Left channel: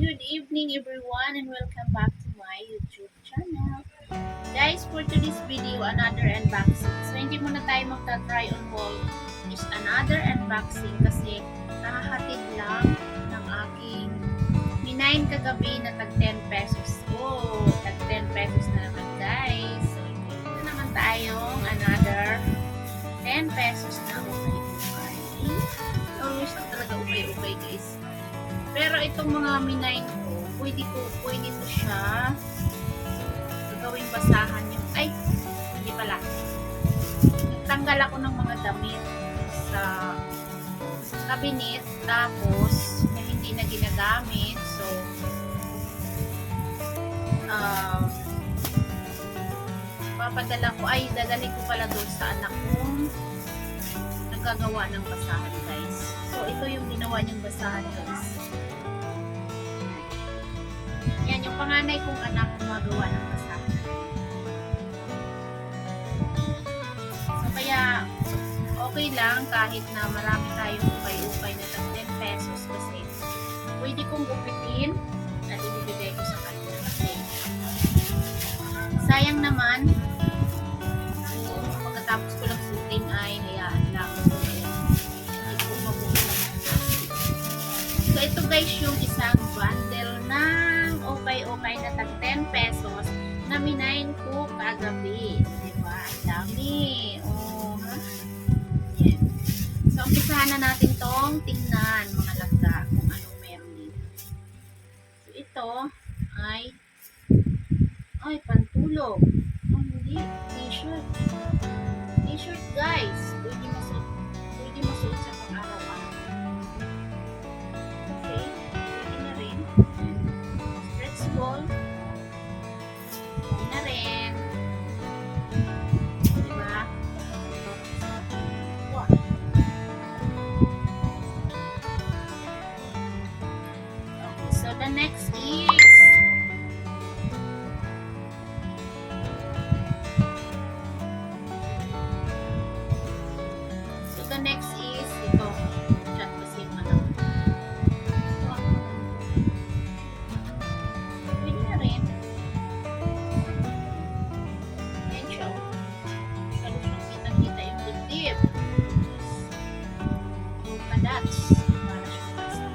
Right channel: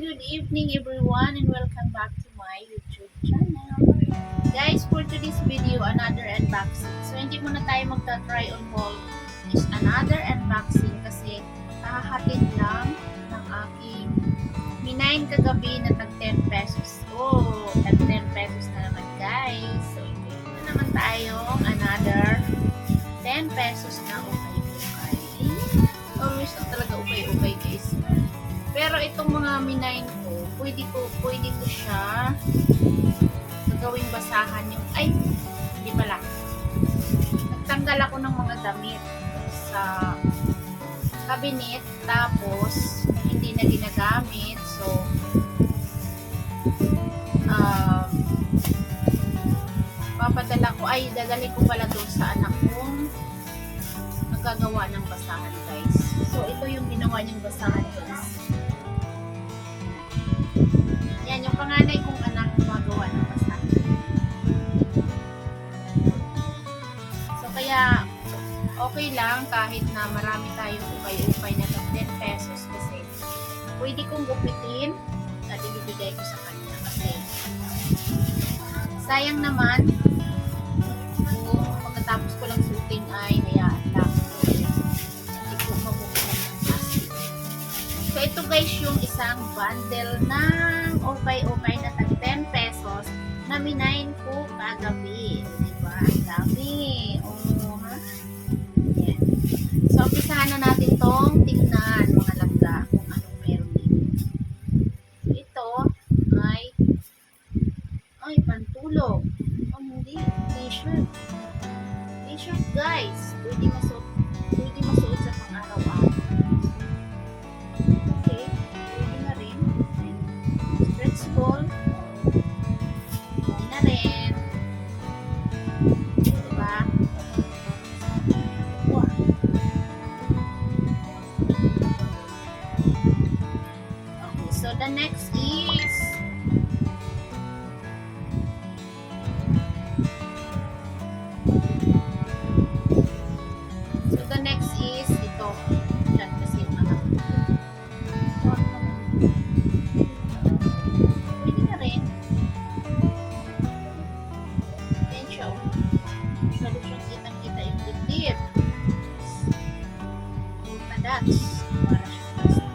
good evening everyone and welcome back to my YouTube channel. Guys, for today's video, another unboxing. So, hindi muna tayo magta-try on haul. Just another unboxing kasi nakahatid lang ng aking minayin kagabi na tag 10 pesos. Oh, tag 10 pesos na naman guys. So, ito na naman tayong another 10 pesos na ukay-ukay. Always talaga ukay-ukay guys. Pero itong mga minayin ko, pwede ko siya gawing basahan yung, ay, hindi pala. Nagtanggal ako ng mga damit sa cabinet, tapos hindi na ginagamit. So, dadalhin ko pala doon sa anak kong nagagawa ng basahan guys. So, ito yung ginawa niyang basahan guys. Yan, yung panganay kong anak gumagawa ng basahan. So, kaya okay lang kahit na marami tayong upay-upay na tag 10 pesos kasi pwede kong gupitin at ibibigay ko sa kanya kasi sayang naman kung pagkatapos ko lang shooting ay hayaan lang. So, hindi ko mabubukan ng plastic. So, ito guys yung isang bundle ng okay na tag 10 pesos na minayin ko kagabi. Diba? Ang dami. Oh, ha? Yan. So, umpisahan na natin tong tignan mga langga kung anong meron dito. So, ito ay pantulog. Oh, hindi. T-shirt. T-shirt guys. Pwede masuot sa pang-araw-araw. Okay. Pwede na rin. Stretch ball. Pwede na rin. Diba? Wow. Okay. So, the next is ito. Diyan kasi yung anak. Pwede na rin. Yan siya. Masyado siyang kitang-kita yung dibdib. Padats. Para siya basta.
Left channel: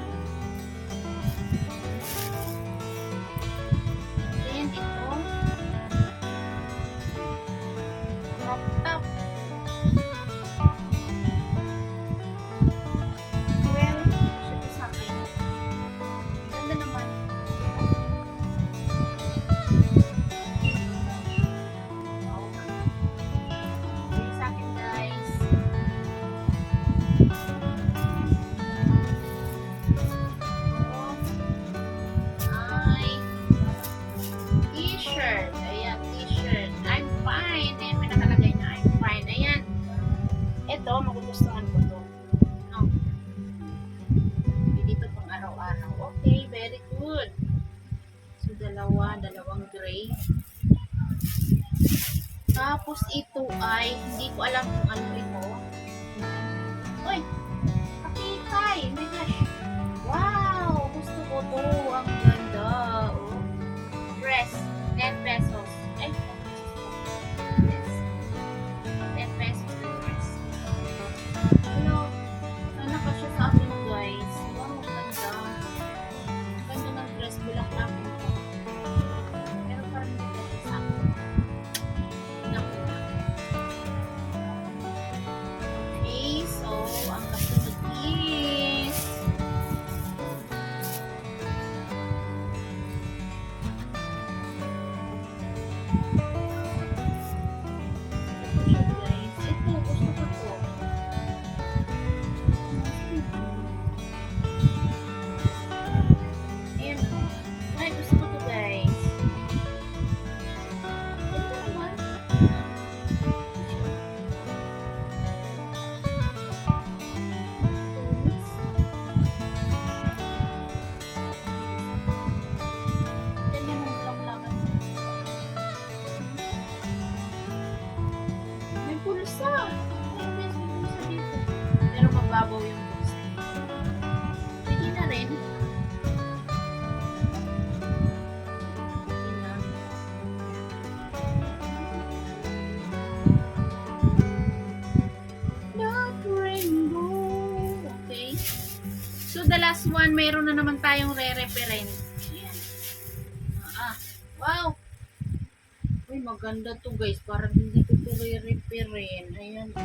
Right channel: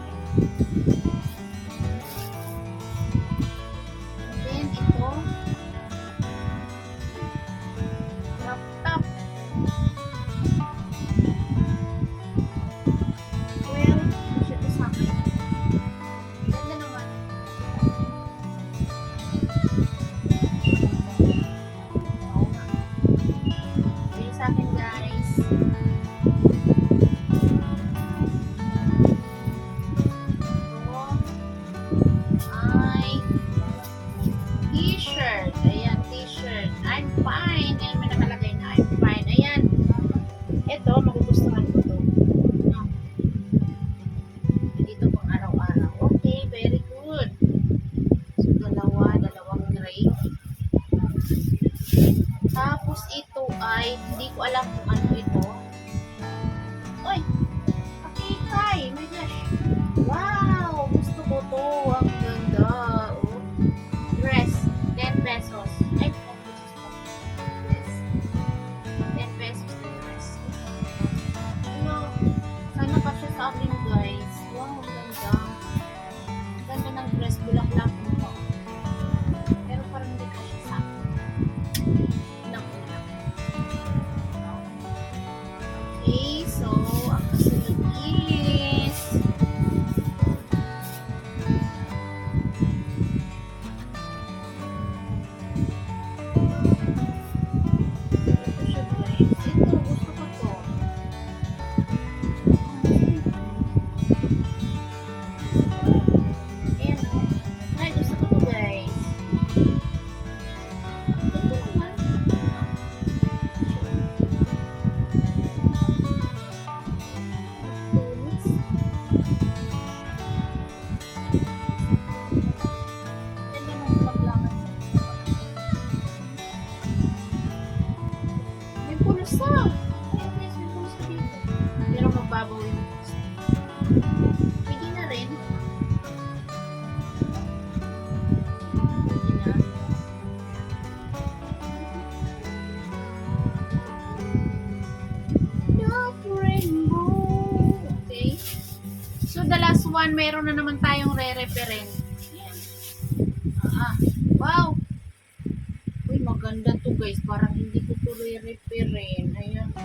Then, ito. Crop top. T-shirt. Ayan, t-shirt. I'm fine. Ayan, may nakalagay na I'm fine. Ayan. Ito, magugustuhan ko to. No. Dito pang araw-araw. Okay, very good. So, dalawang gray. Tapos, ito ay, hindi ko alam kung ano ito. Uy! Kakitay! Oh my gosh! Wow! Gusto ko to. Ang ganda. Oh. Dress. 10 pesos. Ay, 10 pesos na dress. Hello. Sana pa siya sa akin, guys. Wow, ganda. Ganda ng dress. Bulak-lak mo. Pero parang hindi ko siya sa akin. Bulak-lak. So, the last one, meron na naman tayong re-referent. Ayan. Wow! Uy, maganda to guys. Parang hindi ko to re-referent. Ayan.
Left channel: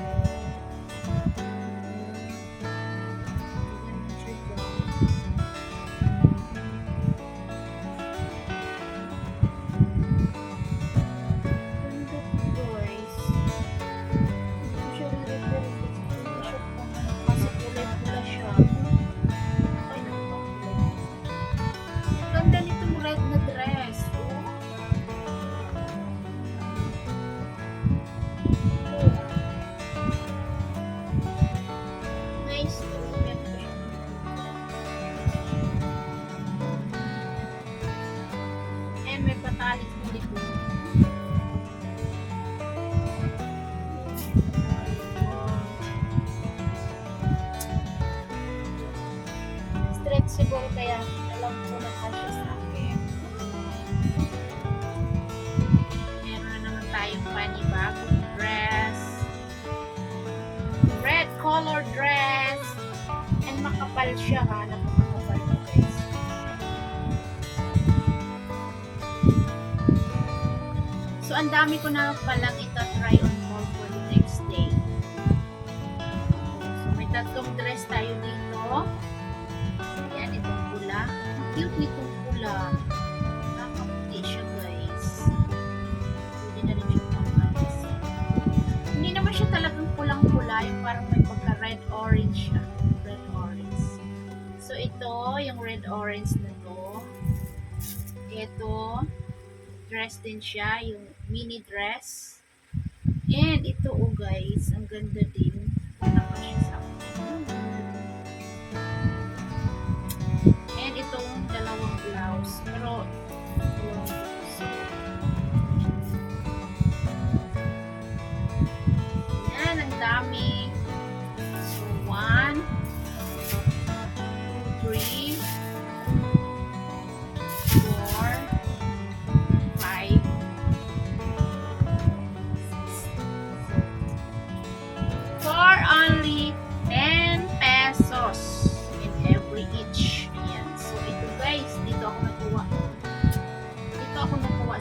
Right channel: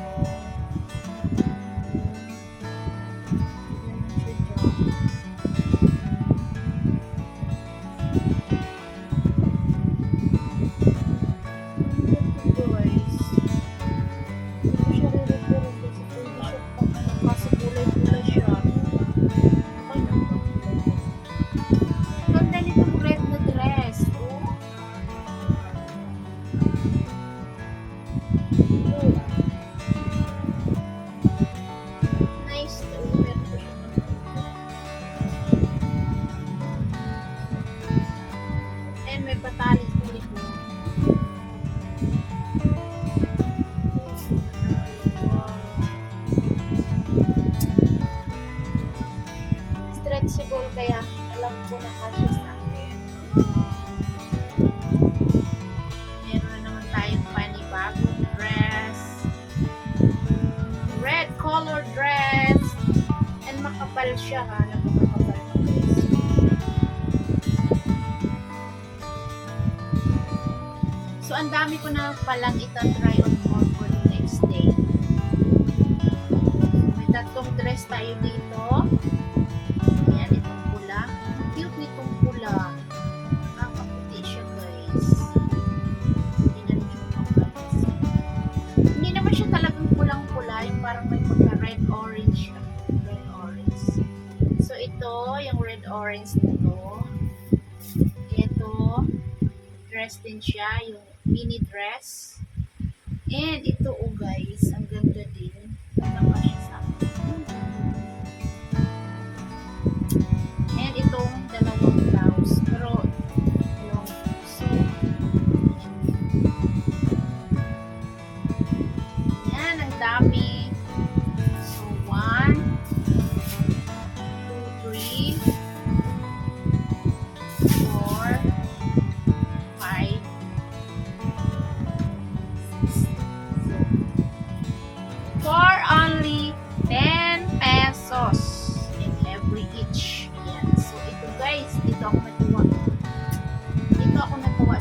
Ganda nitong red na dress. Oh. Oh. Nice. And may patalis po ito. Stretchable kaya alam ko na kasi sa akin. Meron na naman tayong panibagong dress. Red color dress. And makapal siya ha. Napakapal na dress. So, ang dami ko na palang ita-try on more for the next day. So, may tatlong dress tayo dito. Ayan, itong pula. Cute nitong pula. Nakaputi siya, guys. Hindi na rin siya pangkalis. Hindi naman siya talagang pulang-pula. Yung parang may pagka-red-orange siya. Red-orange. So, ito, yung red-orange na to. Ito, dress din siya. Yung mini dress. And ito, oh guys, ang ganda din. Naka siya sa and itong dalawang blouse. Pero, dalawang so, yan, ang dami. So, 1, 2, 3, 4, 5, 6. For only 10 pesos in every each. Ayan. So, ito guys, dito ako natuwa.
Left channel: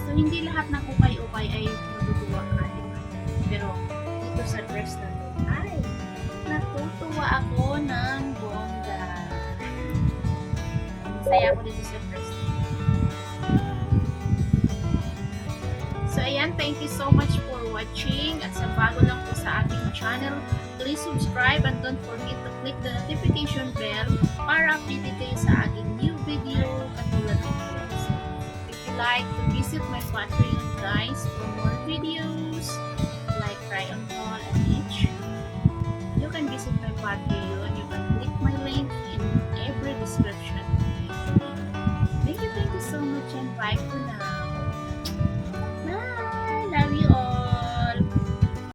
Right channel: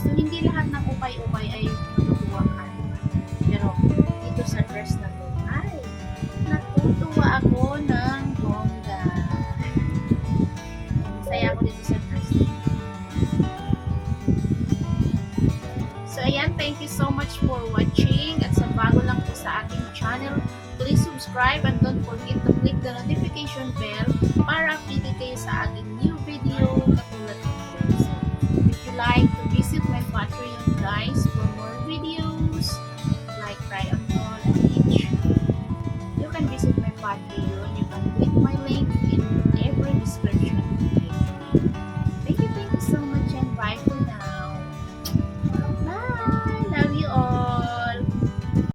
So, hindi lahat ng ukay-ukay ay natutuwa ka. Diba? Pero, dito sa dress na to, ay, natutuwa ako ng bongga. Saya ako dito sa dress. So, ayan, thank you so much for watching. At sa bago lang po sa aking channel, please subscribe and don't forget to click the notification bell para updated kayo sa aking new video katulad nito. If you like to visit my Patreon guys for more videos like try on haul and each, you can visit my Patreon. You can click my link